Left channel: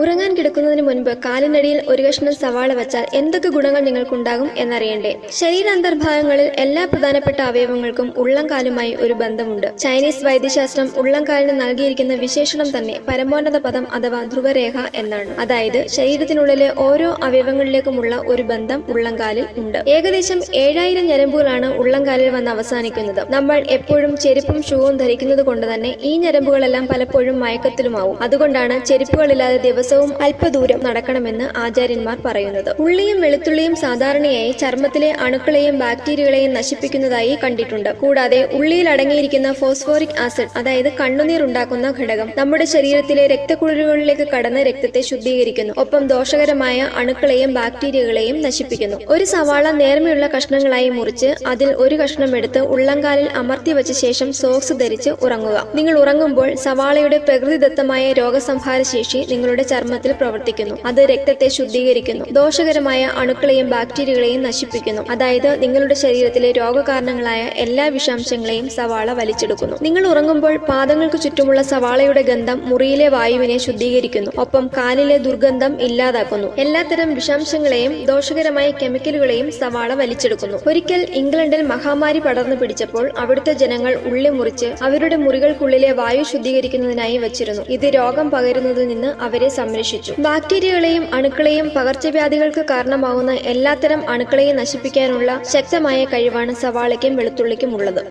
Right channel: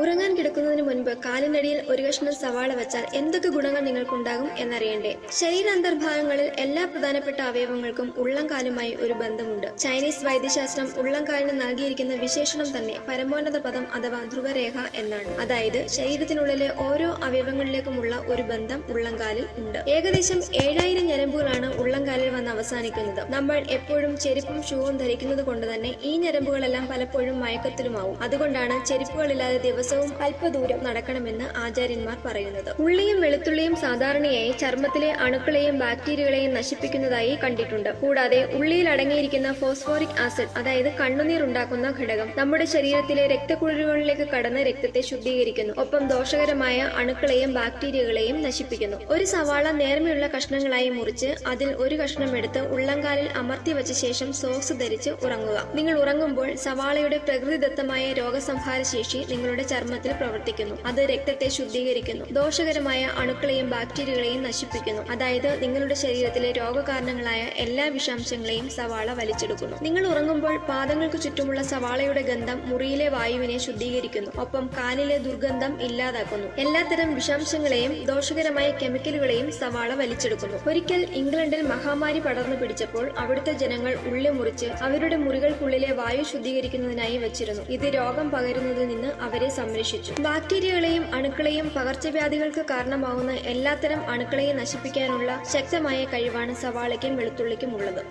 ഉറങ്ങാൻ കിടക്കുന്നതിന് മുൻപ് കാലിനടിയിൽ ഒരു കഷ്ണം സവാള വച്ചാൽ എന്തൊക്കെ ഗുണങ്ങൾ നിങ്ങൾക്കുണ്ടാകും എന്നറിയണ്ടേ? ശരീരാന്തർഭാഗങ്ങളിൽ എല്ലാ പ്രധാനപ്പെട്ട അവയവങ്ങൾക്കും ഉള്ളംകാലുമായി ഒരു ബന്ധമുണ്ട്. ചൈനീസ് വൈദ്യശാസ്ത്രം ഉള്ളംകാലിന് നൽകിയിരിക്കുന്ന വിശേഷണം തന്നെ പരമോന്നത പദം അഥവാ ധ്രുവരേഖ എന്നാണ്. അതായത് ശരീരത്തിനുള്ളിലെ ഓരോ അവയവങ്ങളിലേക്കുമുള്ള ഒരു ബന്ധം ഉള്ളംകാലിൽ ഉണ്ട്. ഏകദേശം ഏഴായിരം ഞരമ്പുകളാണ് ഉള്ളംകാലിൽ വന്ന് അവസാനിക്കുന്നത്. നമ്മൾ എപ്പോഴും ചെരുപ്പും ഷൂവും ധരിക്കുന്നത് കൊണ്ട് തന്നെ ഈ ഞരമ്പുകളെല്ലാം പലപ്പോഴും മയക്കത്തിലുമാവും. അതുകൊണ്ടാണ് ചെരുപ്പുകളില്ലാതെ ദിവസവും അല്പദൂരം നടക്കണമെന്ന് ആചാര്യന്മാർ പറയുന്നത്. ഉള്ളിയും വെളുത്തുള്ളിയും സാധാരണയായി ചർമ്മത്തിലെ അണുക്കളെയും ബാക്ടീരിയകളെയും നശിപ്പിക്കുന്നതായി കണ്ടിട്ടുണ്ട്. കൂടാതെ ഉള്ളിയിൽ അടങ്ങിയിരിക്കുന്ന ഫോസ്ഫോറിക് ആസിഡ് അതായത് കണ്ണുനീർ ഉണ്ടാക്കുന്ന ഘടകം നമ്മുടെ ശരീരത്തിലെ രക്തക്കുഴലുകളിലേക്ക് കടന്ന് രക്തത്തെ ശുദ്ധീകരിക്കുന്നു. ഒപ്പം ദോഷകരമായ അണുക്കളെയും ബാക്ടീരിയകളെയും നശിപ്പിക്കുന്നു. ഒരു സവാള നേർമയുള്ള കഷ്ണങ്ങളായി മുറിച്ച് അതിൽ ഒരു കഷ്ണം എടുത്ത് ഉള്ളംകാലിൽ അമർത്തി വെച്ച ശേഷം സോക്സ് ധരിച്ച് ഉറങ്ങുക. നിങ്ങൾ ഉറങ്ങുമ്പോൾ സവാളയുടെ പ്രകൃതിദത്തമായ രോഗസംഹാര ശേഷി നിങ്ങളുടെ ചർമ്മത്തിൽ പ്രവർത്തിക്കുന്നു. അത് രക്തത്തെ ശുദ്ധീകരിക്കുന്നു. ദോഷകരമായ അണുക്കളെയും ബാക്ടീരിയകളെയും നശിപ്പിക്കുന്നു. അതായത് നിങ്ങളുടെ ശരീരത്തിലെ രോഗകാരണങ്ങളായ എല്ലാ വിഷാംശങ്ങളെയും സവാള വലിച്ചെടുക്കുന്നു. നിങ്ങൾ ഉറങ്ങുമ്പോൾ പാദങ്ങൾക്ക് ചുറ്റുമുള്ള സവാളയുടെ ഗന്ധം മുറിയിലെ വായുവിനെ ശുദ്ധീകരിക്കുന്നു. ഒപ്പം കാലിലെ ദുർഗന്ധം ഇല്ലാതാക്കുന്നു. എല്ലാത്തരം വിഷാംശങ്ങളെയും ദോഷകരമായ കെമിക്കലുകളെയും സവാള വലിച്ചെടുക്കുന്നു. ഒരിക്കൽ ഇംഗ്ലണ്ടിൽ മഹാമാരി പടർന്നു പിടിച്ചപ്പോൾ അവിടുത്തെ ജനങ്ങൾ ഉള്ളി മുറിച്ച് അവരുടെ മുറികൾക്കുള്ളിലെ വായു ശുദ്ധീകരിക്കുന്നതിനായി വച്ചിരുന്നു. ഇത് രോഗം പകരുന്നതിൽ നിന്ന് അവരെ സംരക്ഷിച്ചു. ബാക്ടീരിയകളെയും അണുക്കളെയും പകർച്ചവ്യാധികൾക്ക് കാരണമാകുന്ന എല്ലാത്തരം അണുക്കളെയും നശിപ്പിക്കാനുള്ള ശക്തമായ കഴിവാണ് സവാളയ്ക്കും വെളുത്തുള്ളിക്കും ഉള്ളത്